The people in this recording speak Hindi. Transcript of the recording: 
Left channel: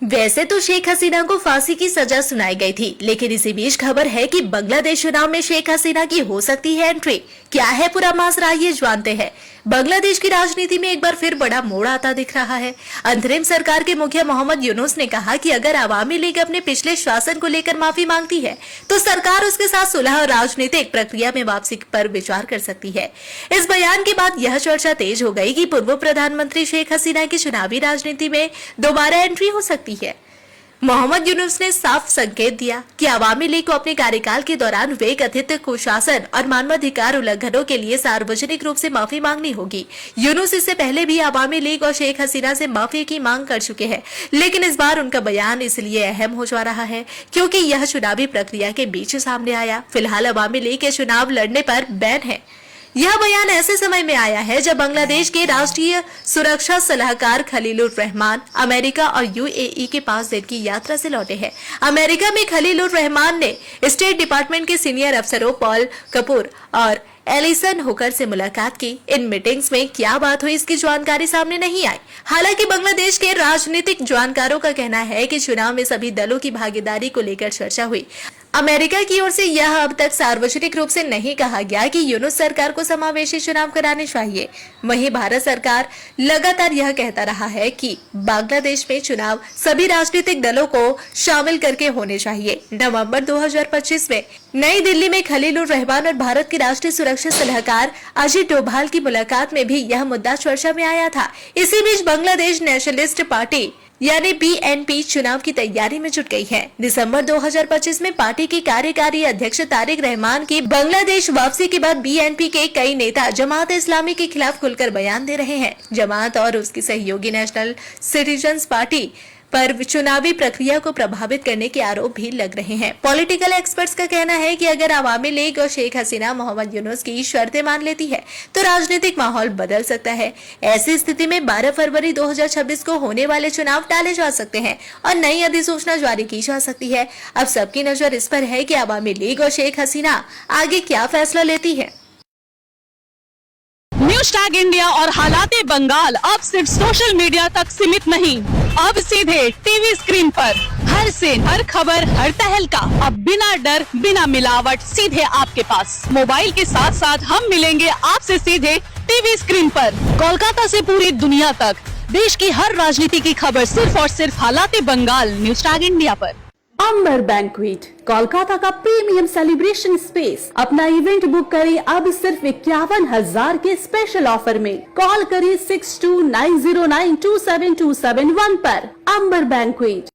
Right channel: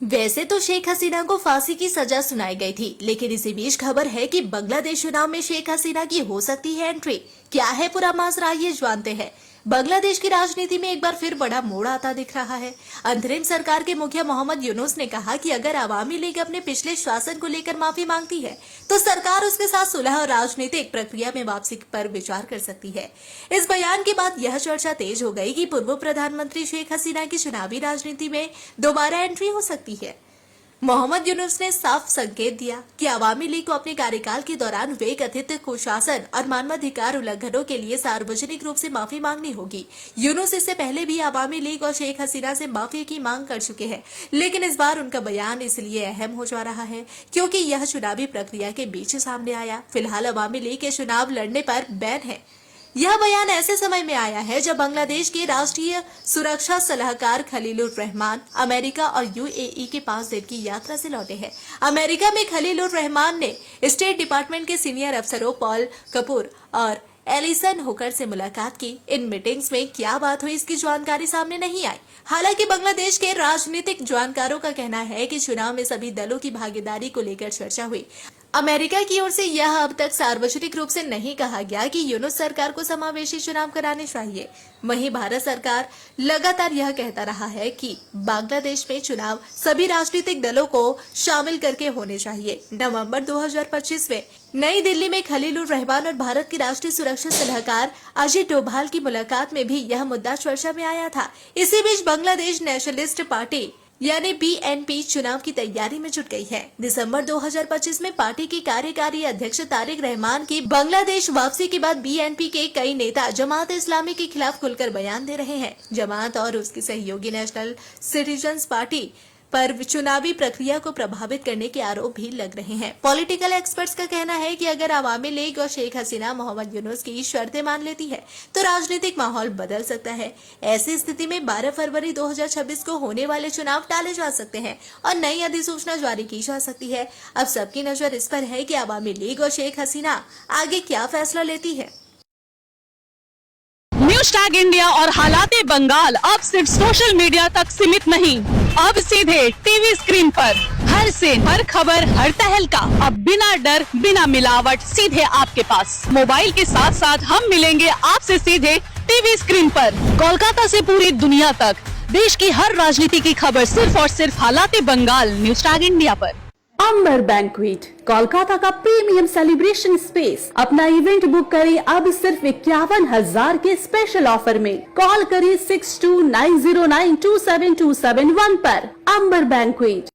वैसे तो शेख हसीना को फांसी की सजा सुनाई गई थी, लेकिन इसी बीच खबर है कि बांग्लादेश चुनाव में शेख हसीना की हो सकती है एंट्री। क्या है पूरा मासरा, ये जानते हैं। बांग्लादेश की राजनीति में एक बार फिर बड़ा मोड़ आता दिख रहा है। अंतरिम सरकार के मुखिया मोहम्मद यूनुस ने कहा कि अगर अवामी लीग अपने पिछले शासन को लेकर माफी मांगती है तो सरकार उसके साथ सुलह और राजनीतिक प्रक्रिया में वापसी पर विचार कर सकती है। इस बयान के बाद यह चर्चा तेज हो गई कि पूर्व प्रधानमंत्री शेख हसीना की चुनावी राजनीति में दोबारा एंट्री हो सकती है। मोहम्मद यूनुस ने साफ संकेत दिया कि अवामी लीग को अपने कार्यकाल के दौरान वे कथित कुशासन और मानवाधिकार उल्लंघनों के लिए सार्वजनिक रूप से माफी मांगनी होगी। यूनुस इससे पहले भी अवामी लीग और शेख हसीना से माफी की मांग कर चुके हैं, लेकिन इस बार उनका बयान इसलिए अहम हो जा रहा है क्योंकि यह चुनावी प्रक्रिया के बीच सामने आया। फिलहाल अवामी लीग के चुनाव लड़ने पर बैन है। यह बयान ऐसे समय में आया है जब बांग्लादेश के राष्ट्रीय सुरक्षा सलाहकार खलीलुर रहमान अमेरिका और यूएई के 5 दिन की यात्रा से लौटे हैं। अमेरिका में खलीलुर रहमान ने स्टेट डिपार्टमेंट के सीनियर अफसरों पॉल कपूर और एलिसन हुकर से मुलाकात की। इन मीटिंग्स में क्या बात हुई इसकी जानकारी सामने नहीं आई। हालांकि बांग्लादेश के राजनीतिक जानकारों का कहना है कि चुनाव में सभी दलों की भागीदारी को लेकर चर्चा हुई। अमेरिका की ओर से यह अब तक सार्वजनिक रूप से नहीं कहा गया कि यूनुस सरकार को समावेशी चुनाव कराने चाहिए। वहीं भारत सरकार लगातार यह कहता रहा है कि बांग्लादेश में चुनाव सभी राजनीतिक दलों को शामिल करके होने चाहिए। नवंबर 2025 में नई दिल्ली में खलीलुर रहमान और भारत के राष्ट्रीय सुरक्षा सलाहकार अजित डोभाल की मुलाकात में भी यह मुद्दा चर्चा में आया था। इसी बीच बांग्लादेश नेशनलिस्ट पार्टी यानी बीएनपी चुनाव की तैयारी में जुट गई है। दिसंबर 2025 में पार्टी के कार्यकारी अध्यक्ष तारिक रहमान की बांग्लादेश वापसी के बाद बीएनपी के कई नेता जमात इस्लामी के खिलाफ खुलकर बयान दे रहे हैं। जमात और उसकी सहयोगी नेशनल सिटीजन्स पार्टी पर चुनावी प्रक्रिया को प्रभावित करने के आरोप भी लग रहे हैं। पॉलिटिकल एक्सपर्ट्स का कहना है कि अगर अवामी लीग और शेख हसीना मोहम्मद यूनुस की शर्तें मान लेती है तो राजनीतिक माहौल बदल सकता है। ऐसी स्थिति में 12 फरवरी 2026 को होने वाले चुनाव टाले जा सकते हैं और नई अधिसूचना जारी की जा सकती है। अब सबकी नजर इस पर है कि अवामी लीग और शेख हसीना आगे क्या फैसला लेती है। न्यूज टैग इंडिया और हालाते बंगाल अब सिर्फ सोशल मीडिया तक सीमित नहीं, अब सीधे टीवी स्क्रीन पर हर सीन, हर खबर, हर तहलका अब बिना डर, बिना मिलावट सीधे आपके पास। मोबाइल के साथ साथ हम मिलेंगे आपसे सीधे टीवी स्क्रीन पर। कोलकाता से पूरी दुनिया तक देश की हर राजनीति की खबर सिर्फ और सिर्फ हालाते बंगाल न्यूज टैग इंडिया पर। अंबर बैंक्वेट कोलकाता का प्रीमियम सेलिब्रेशन स्पेस। अपना इवेंट बुक करें अब सिर्फ 51,000 के स्पेशल ऑफर में। कॉल करें 6290927271 पर। अंबर बैंक्वेट।